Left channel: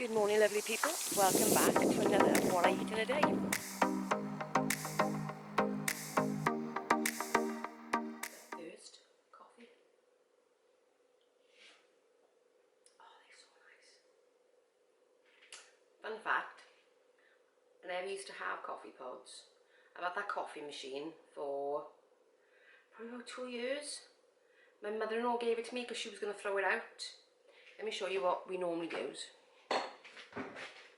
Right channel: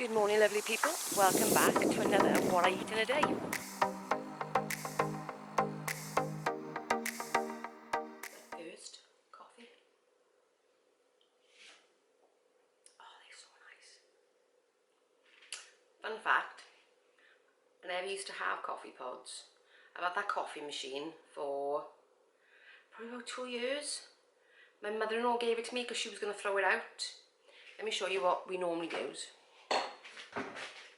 Good morning, lovely people. Welcome back to another What I Eat in a Day. First, coffee. Oh, they're so nice. Fun fact, I never used to have coffee pods. I've had that coffee machine for probably about 2 years. My mother-in-law gave it to me because she was going to throw it out. Let me show you what we normally use.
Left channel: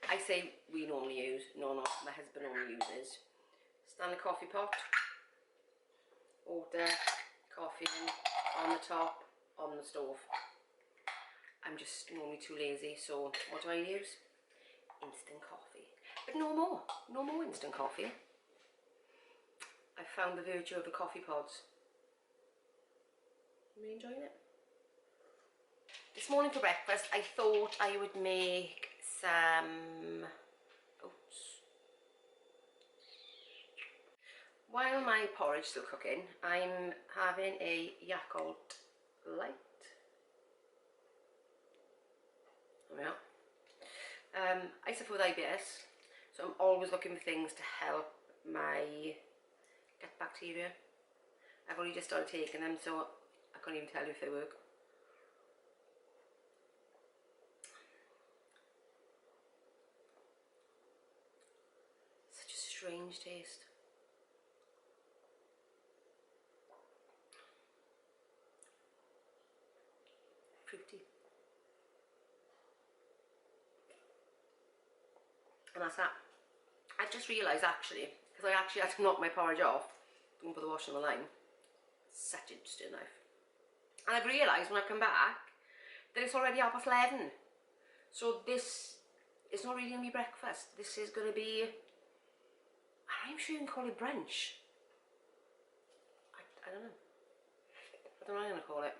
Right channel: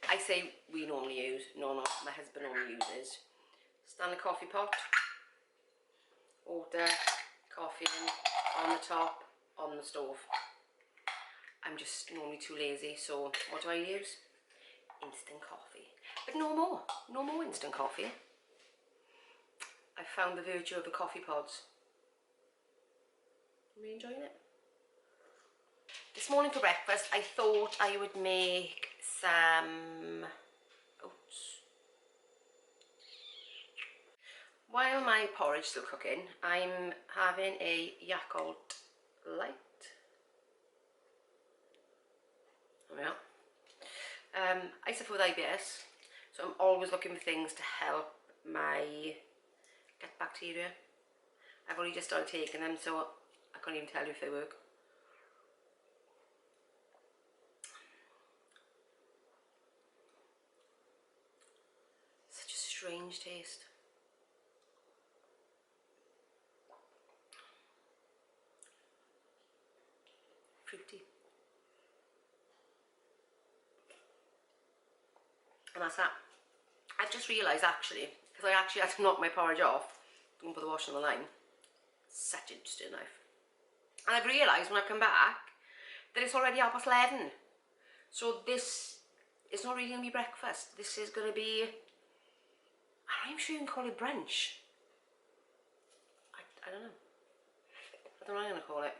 I say we normally use, no, my husband normally uses. Standard coffee pot, water, coffee on the top, on the stove. I'm just normally too lazy, so what do I use? Instant coffee. But no more instant coffee. I found the virtue of the coffee pods. Are you enjoying it? This morning for breakfast, I thought I would make some oats. While my porridge is still cooking, I'm having a Yakult Light. There we are. I suffer with IBS, so I'm always looking for things to help my gut bacteria. I've only just started taking them, so I can't even tell you if they work. Such a strange taste. Fruity. And that's that. I've just realised actually, because I actually had to knock my porridge off, don't put the washing on the line. Such a interesting knife. And I've realised when I've come back that it's already 11:30. So this is not really going to be breakfast. This is going to be, I'm sure you can call it brunch. I don't know. I don't know what I'm going to call it.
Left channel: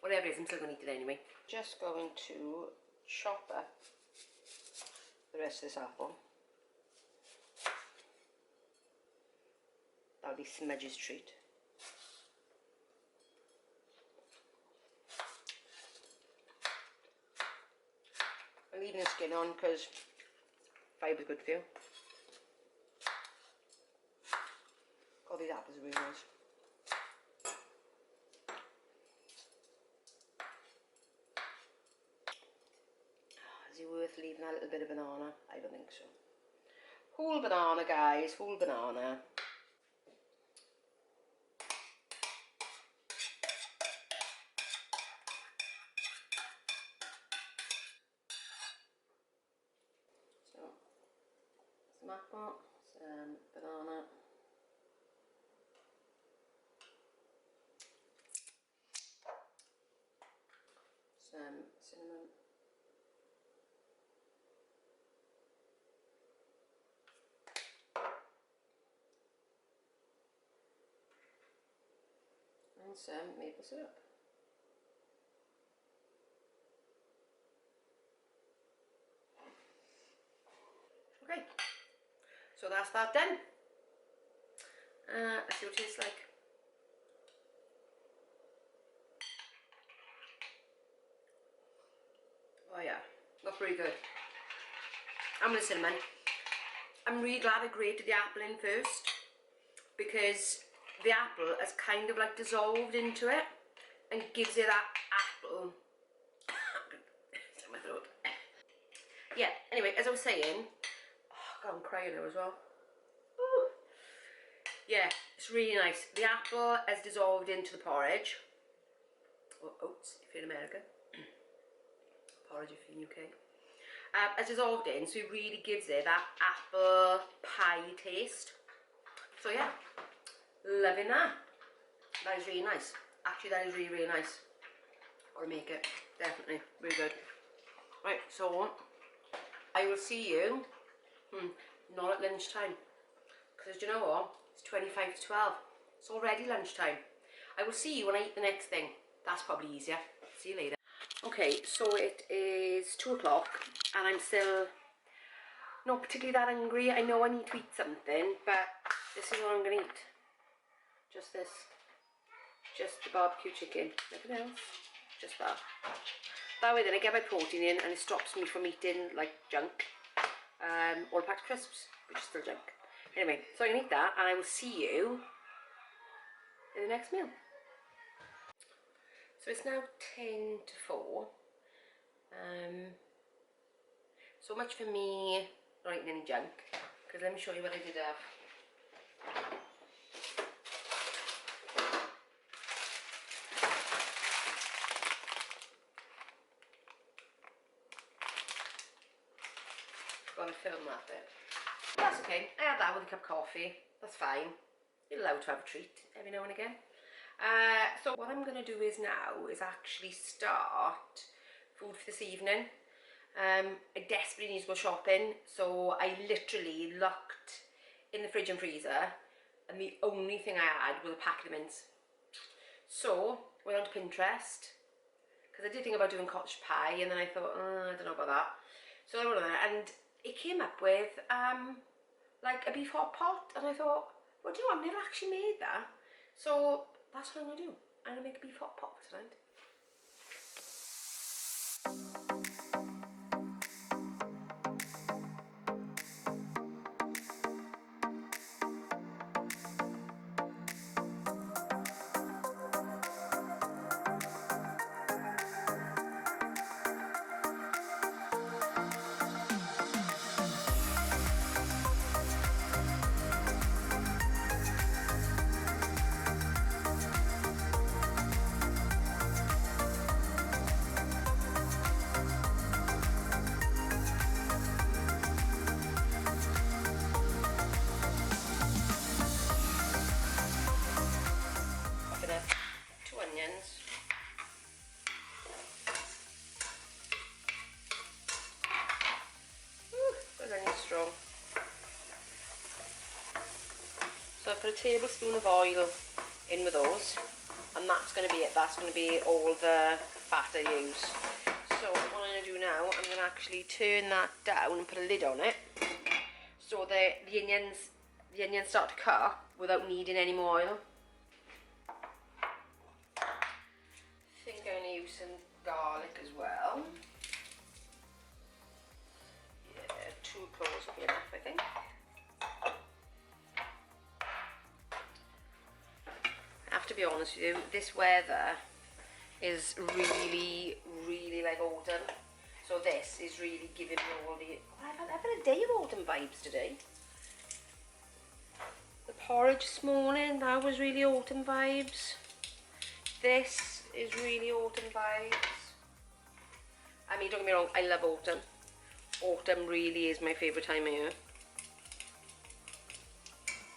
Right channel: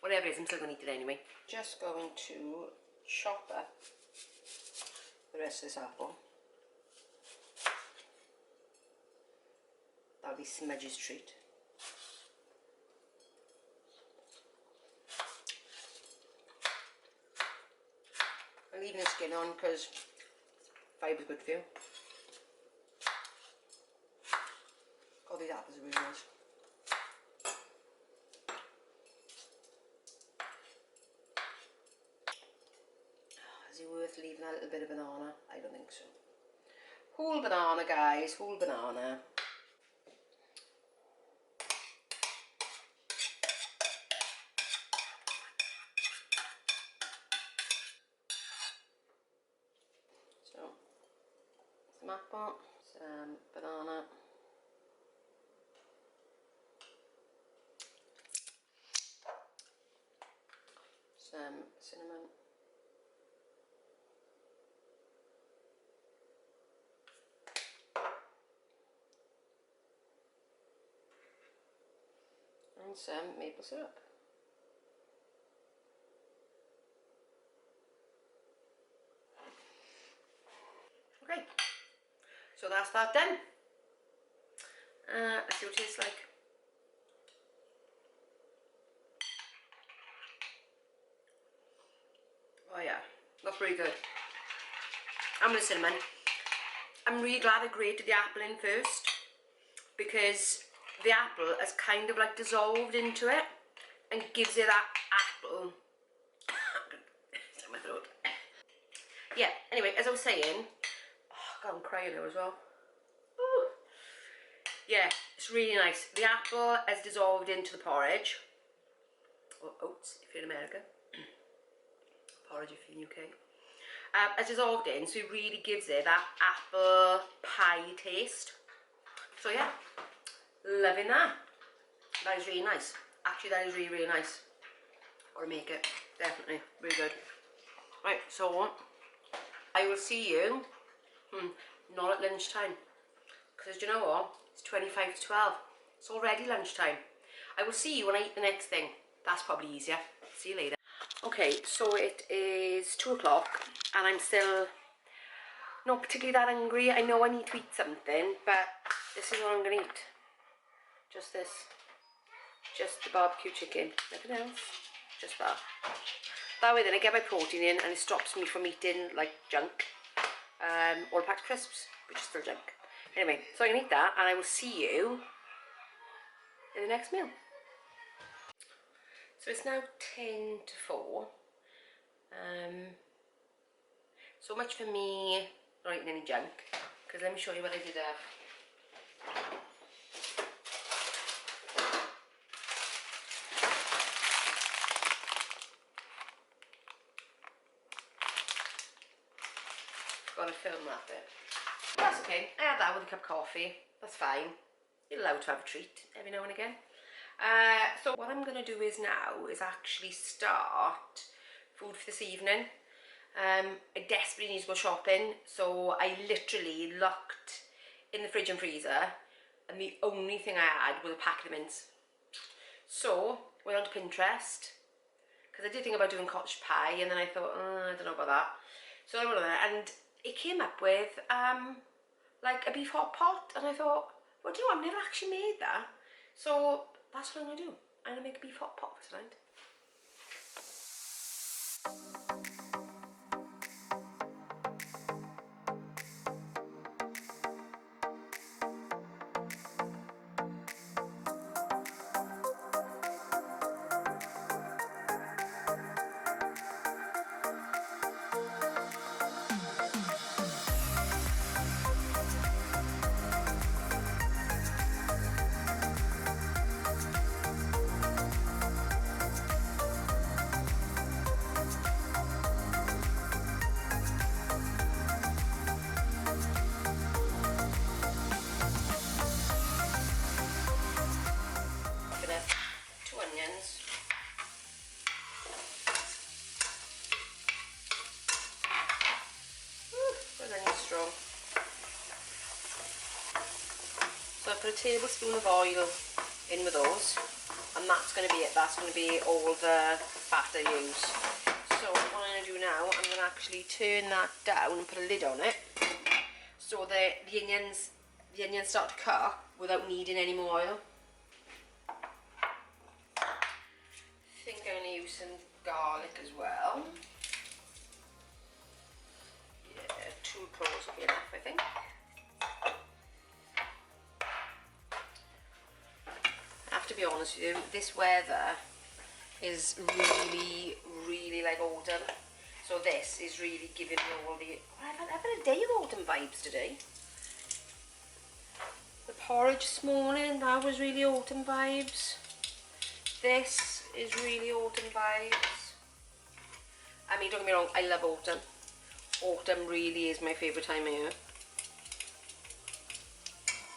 Whatever it is, I'm still going to eat it anyway. Just going to chop up the rest of this apple. That'll be Smudge's treat. I'm leaving the skin on because fiber's good for you. Oh, these apples are really nice. Is it worth leaving a little bit of banana? I don't think so. Whole banana, guys, whole banana. So, some apple, some banana. Some cinnamon. And some maple syrup. Okay, so that's that done. Let's see what it tastes like. Oh yeah, that's pretty good. I'm with cinnamon. I'm really glad I grated the apple in first because the apple has kind of like dissolved into it and gives it that apple. It's in my throat. Yeah, anyway, as I was saying, oh God, I'm crying now as well. Ooh. Yeah, it's really nice. The apple has dissolved into the porridge, or oats if you're in America, porridge if you're in UK. Has dissolved in, so it really gives it that apple pie taste. So yeah, loving that. That is really nice. Actually, that is really, really nice. Or make it, definitely, really good. Right, so I will see you, not at lunchtime, because you know what, it's 25 to 12, it's already lunchtime. I will see you when I eat the next thing. That's probably easier. See you later. Okay, so it is 2 o'clock and I'm still not particularly that hungry. I know I need to eat something, but this is what I'm going to eat. Just this. Just the barbecue chicken. Nothing else. just that. That way then I get my protein in and it stops me from eating like junk, or packed crisps, which is still junk. Anyway, so I can eat that and I will see you in the next meal. So it's now 10 to 4. So much for me not eating any junk, because let me show you what I did have. Gotta film that bit. That's okay, I had that with a cup of coffee, that's fine. You're allowed to have a treat every now and again. So what I'm going to do is now is actually start food for this evening. I desperately need to go shopping, so I literally looked in the fridge and freezer and the only thing I had was a packet of mints. So went on to Pinterest, because I did think about doing cottage pie and then I thought, I don't know about that. So I went on there and it came up with like a beef hot pot, and I thought, well, do you know, I've never actually made that. So that's what I'm going to do. I'm going to make a beef hot pot for tonight. Strong. So I put a tablespoon of oil in with those, and that's going to be it. That's going to be all the fat I use. So what I'm going to do now, I'm going to actually turn that down and put a lid on it, so the onions start to cook without needing any more oil. I think I'm going to use some garlic as well. 2 cloves will be enough, I think. I have to be honest with you, this weather is really, really like autumn. So this is really giving me all the... I've had a day of autumn vibes today. The porridge this morning, that was really autumn vibes. This is really autumn vibes. I mean, don't get me wrong, I love autumn. Autumn really is my favourite time of year.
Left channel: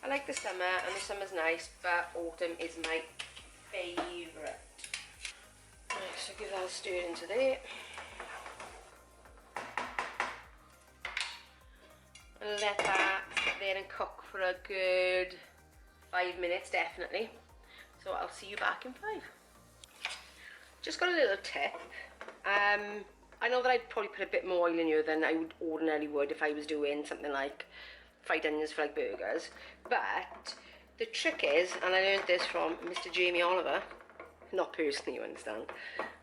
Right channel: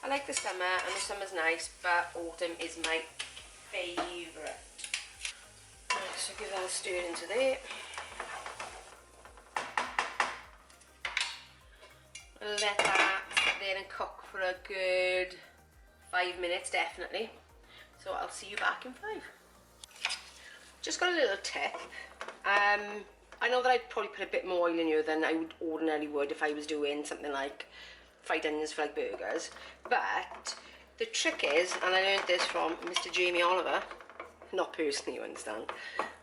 I like the summer, and the summer's nice, but autumn is my favourite. Right, so give that a stir into there. Let that sit there and cook for a good 5 minutes, definitely. So I'll see you back in 5. Just got a little tip. I know that I'd probably put a bit more oil in here than I would ordinarily would if I was doing something like fried onions for like burgers. But the trick is, and I learned this from Mr. Jamie Oliver, not personally, you understand,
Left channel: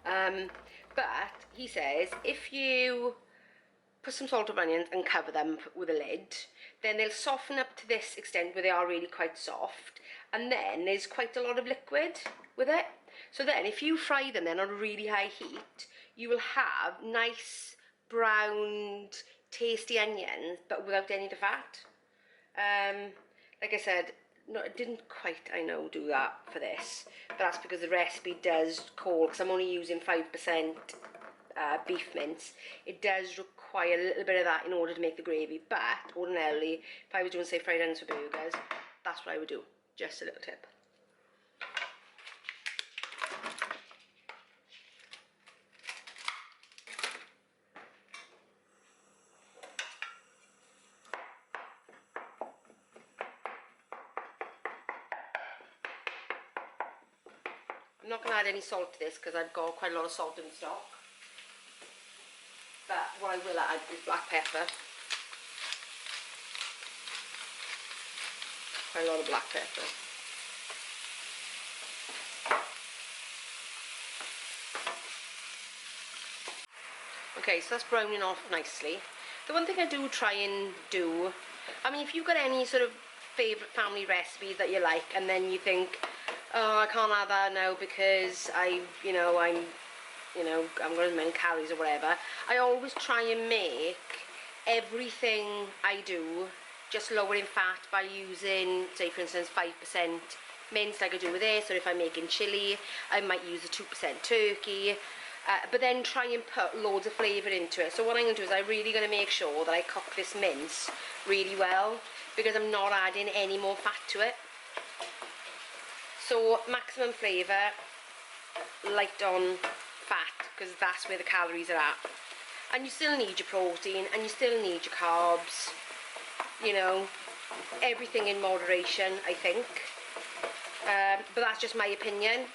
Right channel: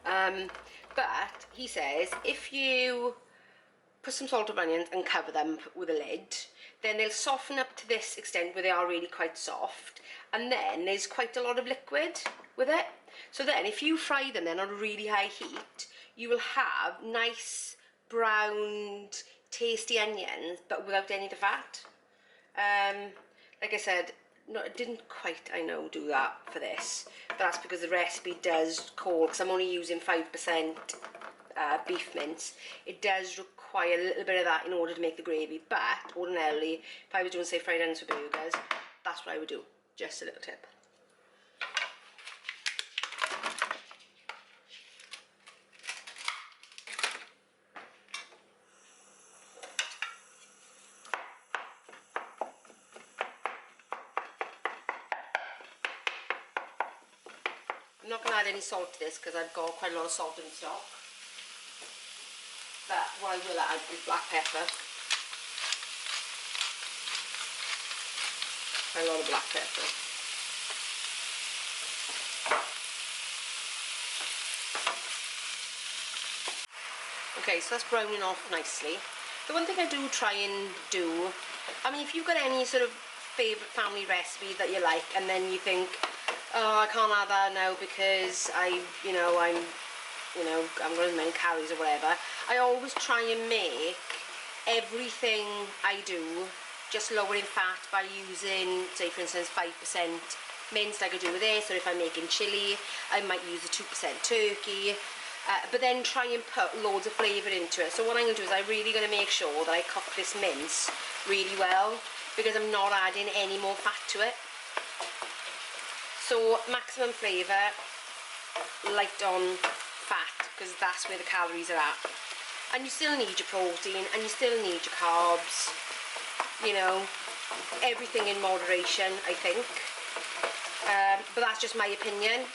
but he says if you put some salt and onions and cover them with a lid, then they'll soften up to this extent where they are really quite soft, and then there's quite a lot of liquid with it. So then if you fry them then on a really high heat, you will have nice browned tasty onions but without any of the fat. Like I said, no, it didn't quite, I know, do that for this, but that's because the recipe does call, because I'm only using 5% beef mince, it does require a little bit of that in order to make the gravy. But ordinarily, if I was doing, say, fried onions for burgers, that's what I would do. Just a little tip. I'm not going to add any salt to this because I've got quite a lot of salt in stock. But what I will add is black pepper. Quite a lot of black pepper. Okay, so that's browning off nicely. The one thing I do try and do, I mean, if you've got any sort of favourite family recipe that you like, and then you think, oh, I can't have that now because I'm got as many calories or whatever, I always try and make everything I do just lower in fat by using, say for instance, 5% minced like I do with this, or if I'm making chilli, I might use a 2% turkey, but then try and put loads of flavour into it. So what I'm going to do is I'm really going to make sure that I cook this mince really well, because I'm not adding any more fat to it. So maximum flavour, light on fat, because that's where the calories are at. And you still need your protein, and you still need your carbs, you know, everything in moderation, I think. But that's just my opinion.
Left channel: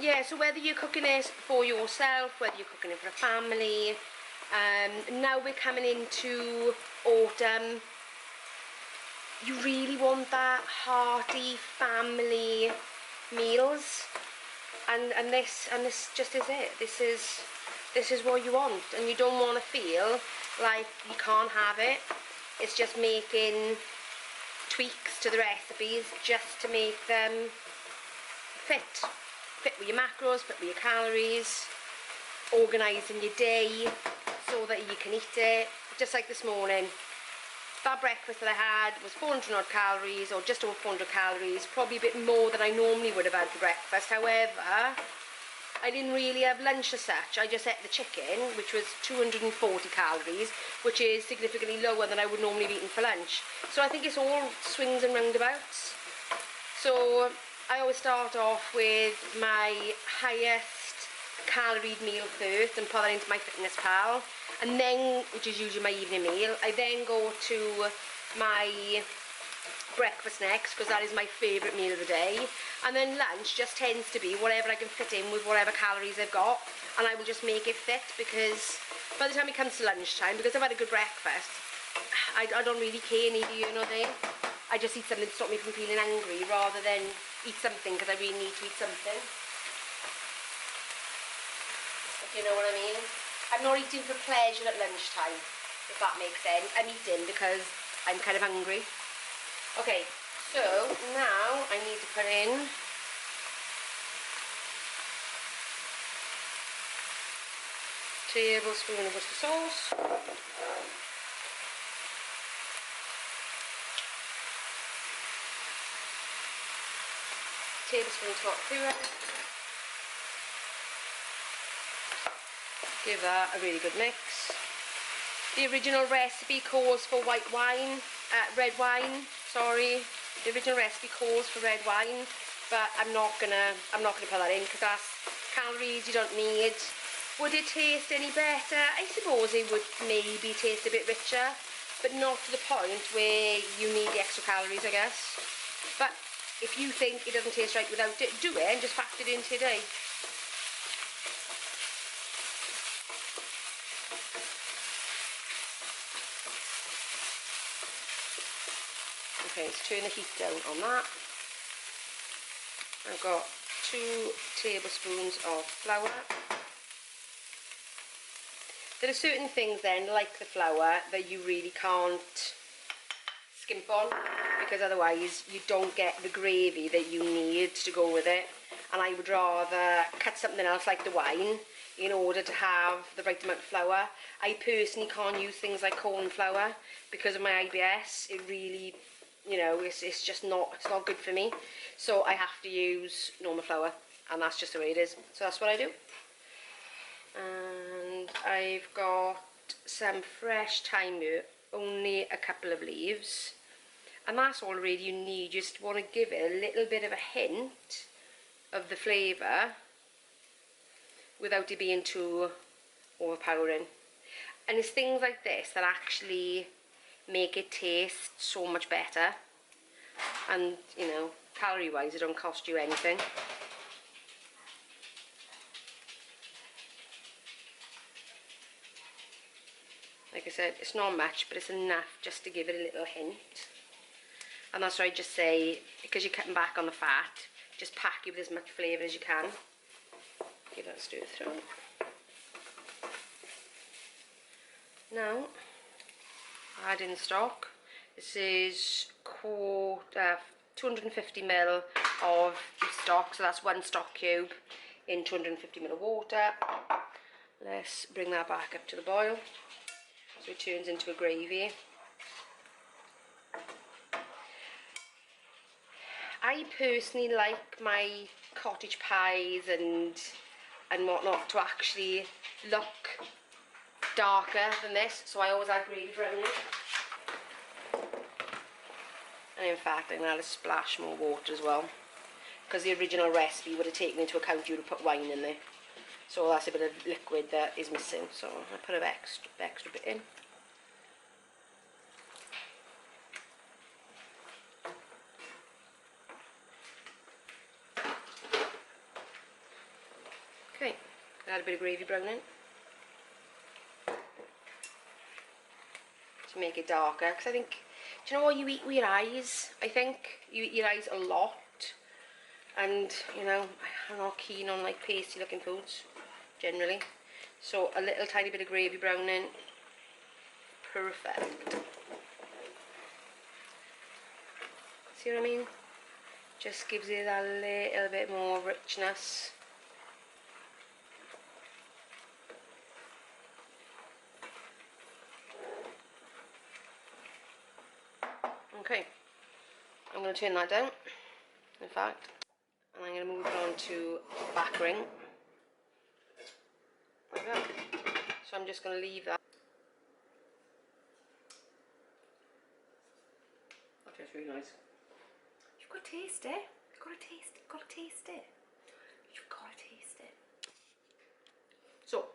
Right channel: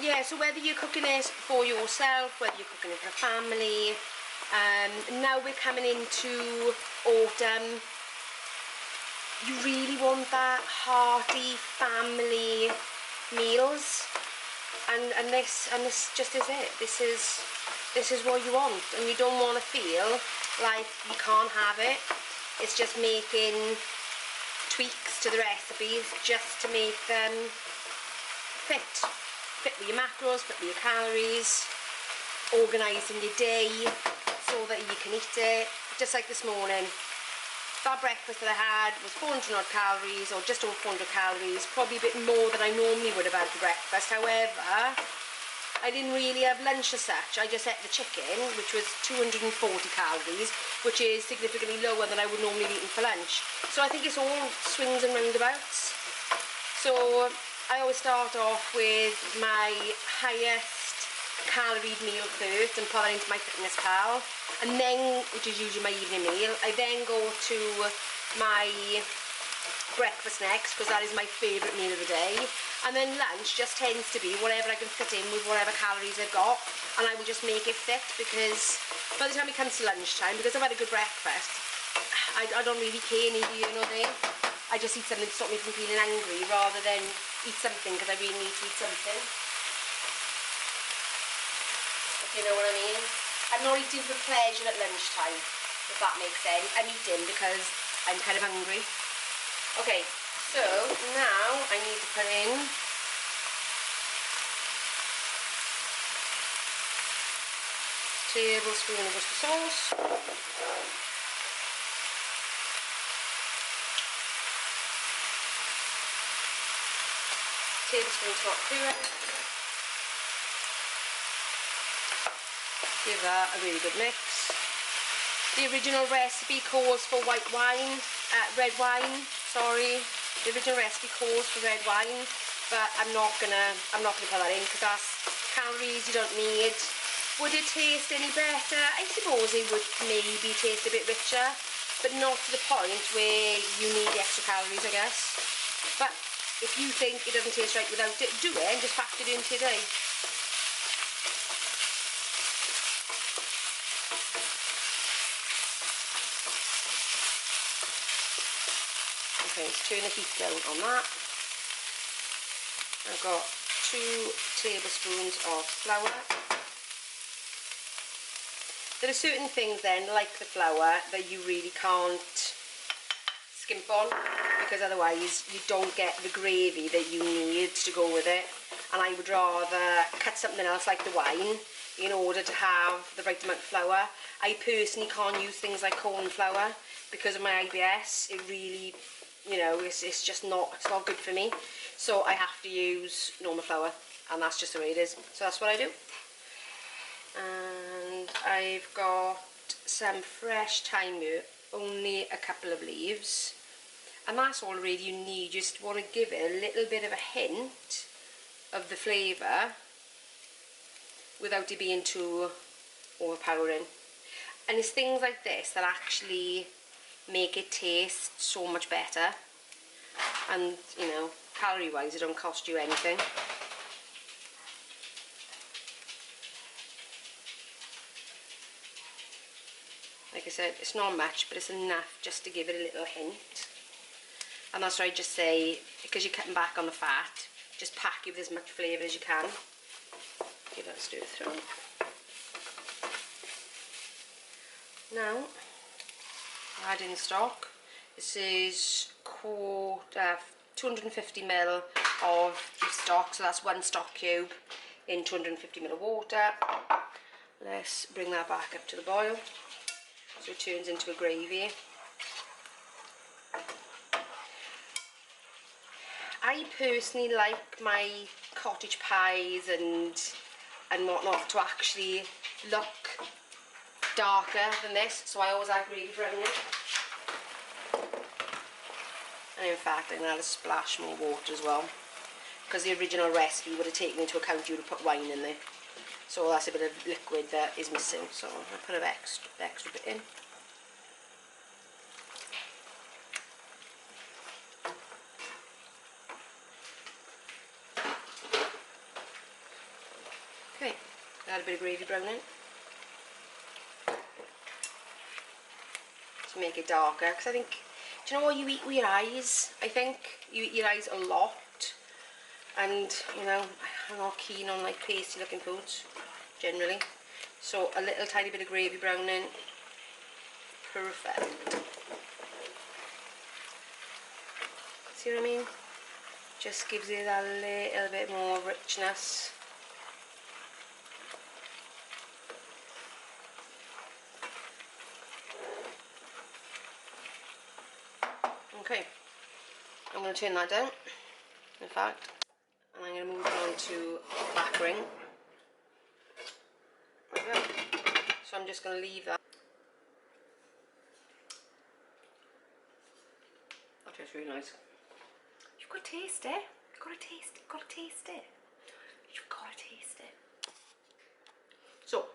Yeah, so whether you're cooking this for yourself, whether you're cooking it for a family, now we're coming into autumn, you really want that hearty family meals, and this just is it. This is what you want, and you don't want to feel like you can't have it. It's just making tweaks to the recipes just to make them fit with your macros, fit with your calories, organising your day so that you can eat it. Just like this morning, that breakfast that I had was 400 odd calories, or just over 400 calories, probably a bit more than I normally would have had for breakfast. However, I didn't really have lunch as such. I just ate the chicken, which was 240 calories, which is significantly lower than I would normally have eaten for lunch. So I think it's all swings and roundabouts. So I always start off with my highest caloried meal first and put that into my Fitness Pal, and then, which is usually my evening meal, I then go to my breakfast next, because that is my favourite meal of the day, and then lunch just tends to be whatever I can fit in with whatever calories I've got, and I will just make it fit, because by the time it comes to lunchtime, because I've had a good breakfast, I don't really care neither, you know what I mean? I just eat something to stop me from feeling angry rather than eat something because I really need to eat something. If you know what I mean? I'm not eating for pleasure at lunchtime, if that makes sense. I'm eating because I'm kind of hungry. Okay, so now I need to put in tablespoon of Worcester sauce. Tablespoon tomato puree. Give that a really good mix. The original recipe calls for red wine, sorry. The original recipe calls for red wine, but I'm not gonna put that in because that's calories you don't need. Would it taste any better? I suppose it would maybe taste a bit richer, but not to the point where you need the extra calories, I guess. But if you think it doesn't taste right without it, do it and just factor it into your day. Okay, let's turn the heat down on that. I've got 2 tablespoons of flour. There are certain things then, like the flour, that you really can't skimp on, because otherwise you don't get the gravy that you need to go with it. And I would rather cut something else like the wine in order to have the right amount of flour. I personally can't use things like corn flour because of my IBS. It really, you know, it's just not, it's not good for me. So I have to use normal flour, and that's just the way it is. So that's what I do. And I've got some fresh thyme, only a couple of leaves, and that's all really you need. You just want to give it a little bit of a hint of the flavour without it being too overpowering. And it's things like this that actually make it taste so much better, and you know, calorie wise it don't cost you anything. Like I said, it's not much, but it's enough just to give it a little hint. And that's why I just say, because you're cutting back on the fat, just pack it with as much flavour as you can. Give that a stir through. Now, add in stock. This is 250ml of beef stock, so that's 1 stock cube in 250ml of water. Let's bring that back up to the boil so it turns into a gravy. I personally like my cottage pies and whatnot to actually look darker than this, so I always add gravy browning. And in fact I'm going to add a splash more water as well, because the original recipe would have taken into account you would have put wine in there, so that's a bit of liquid that is missing, so I'll put an extra bit in. Okay, add a bit of gravy browning to make it darker, because I think, do you know what you eat with your eyes? I think you eat your eyes a lot, and you know, I'm not keen on like pasty looking foods generally, so a little tiny bit of gravy browning, perfect. See what I mean? Just gives it a little bit more richness. Okay, I'm going to turn that down, in fact, and I'm going to move on to back ring. Like that. So I'm just going to leave that. That tastes really nice. You've got to taste it. You've got to taste it. You've got to taste it. You've got to taste it. So,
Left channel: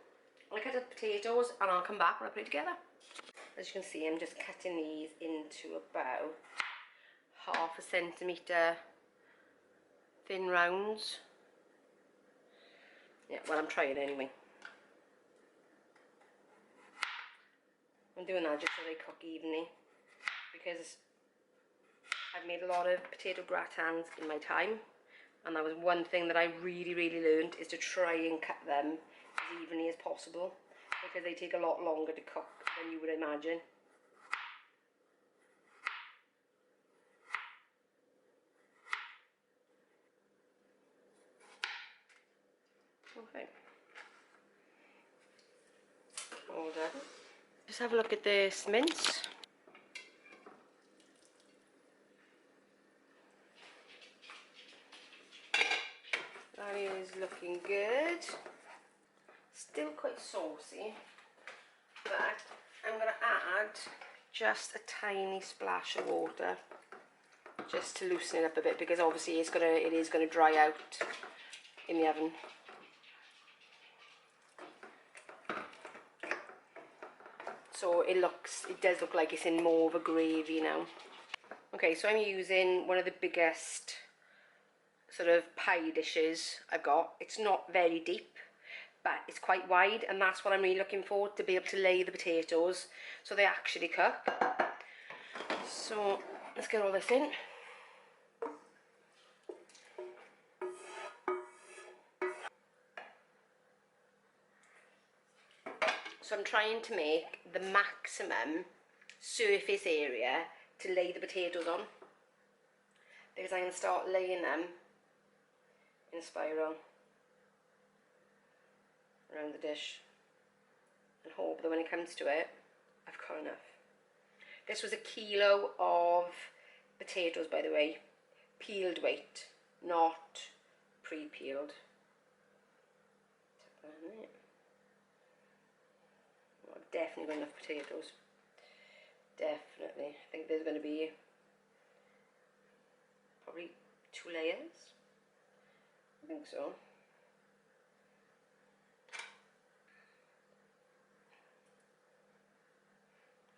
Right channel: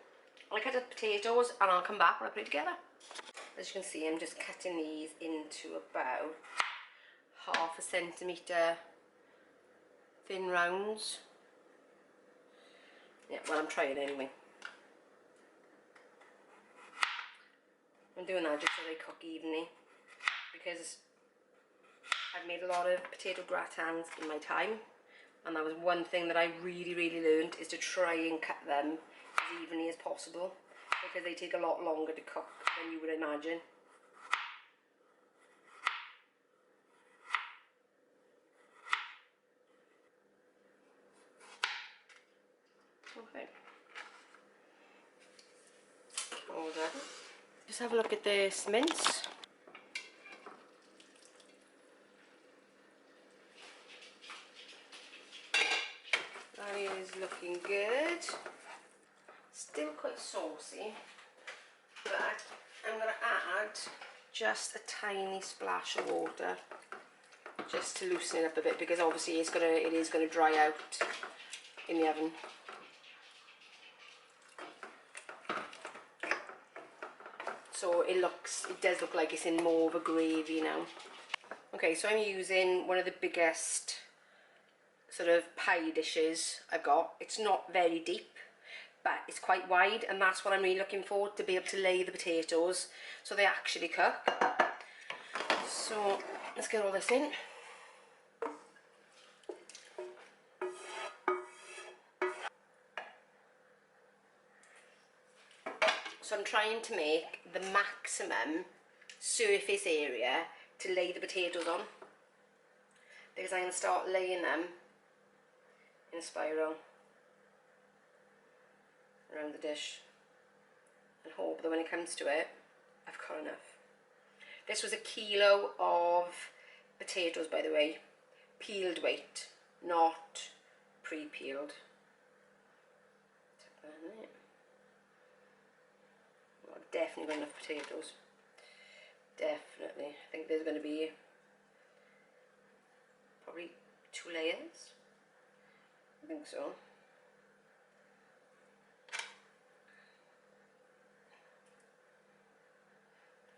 I'll cut the potatoes and I'll come back when I put it together. As you can see, I'm just cutting these into about 1/2 centimetre thin rounds. Yeah, well, I'm trying anyway. I'm doing that just so they cook evenly, because I've made a lot of potato gratins in my time, and that was one thing that I really learned, is to try and cut them as evenly as possible, because they take a lot longer to cook than you would imagine. Okay. All done. Just have a look at this mince. That is looking good. Still quite saucy, but I'm going to add just a tiny splash of water just to loosen it up a bit, because obviously it is going to dry out in the oven. So it does look like it's in more of a gravy now. Okay, so I'm using one of the biggest sort of pie dishes I've got. It's not very deep, but it's quite wide, and that's what I'm really looking for, to be able to lay the potatoes so they actually cook. So let's get all this in. So I'm trying to make the maximum surface area to lay the potatoes on, because I'm going to start laying them in a spiral around the dish, and hope that when it comes to it, I've got enough. This was 1 kilo of potatoes, by the way, peeled weight, not pre-peeled. Well, definitely got enough potatoes. Definitely. I think there's going to be probably 2 layers. I think so.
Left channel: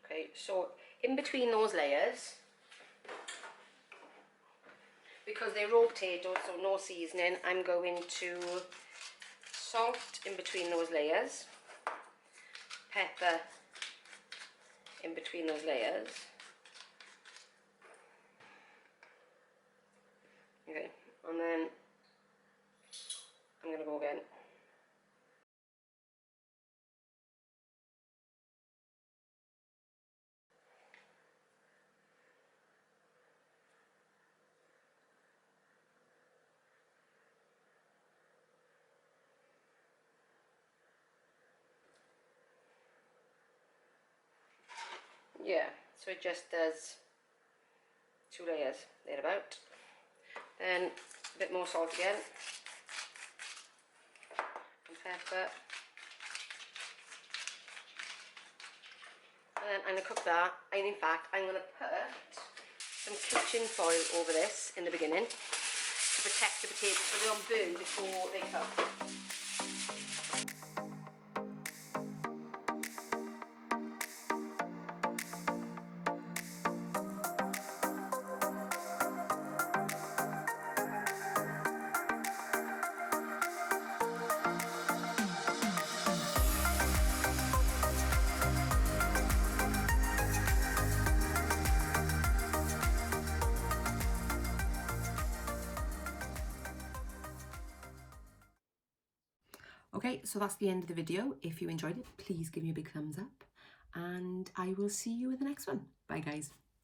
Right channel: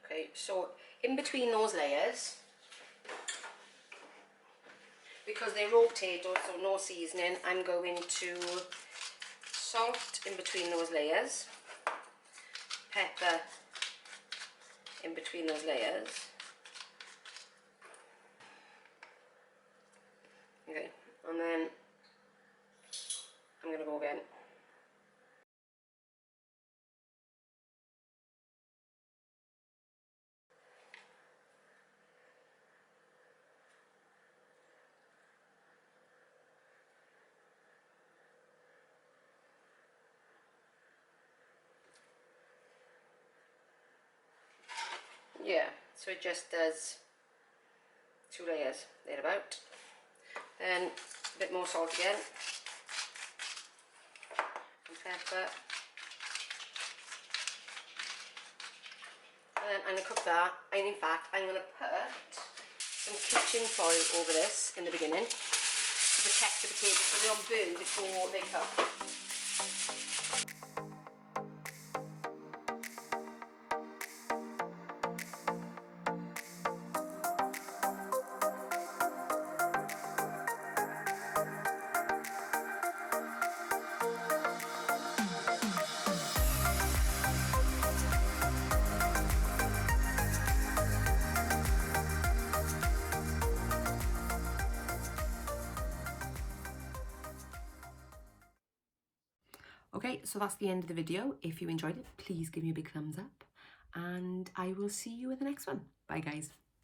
Okay, so in between those layers, because they're raw potatoes, so no seasoning, I'm going to salt in between those layers, pepper in between those layers. Okay, and then I'm going to go again. Yeah, so it just does 2 layers, thereabout. Then a bit more salt again, and pepper. And then I'm going to cook that, and in fact I'm going to put some kitchen foil over this in the beginning to protect the potatoes so they don't burn before they cook. Okay, so that's the end of the video. If you enjoyed it, please give me a big thumbs up, and I will see you in the next one. Bye guys.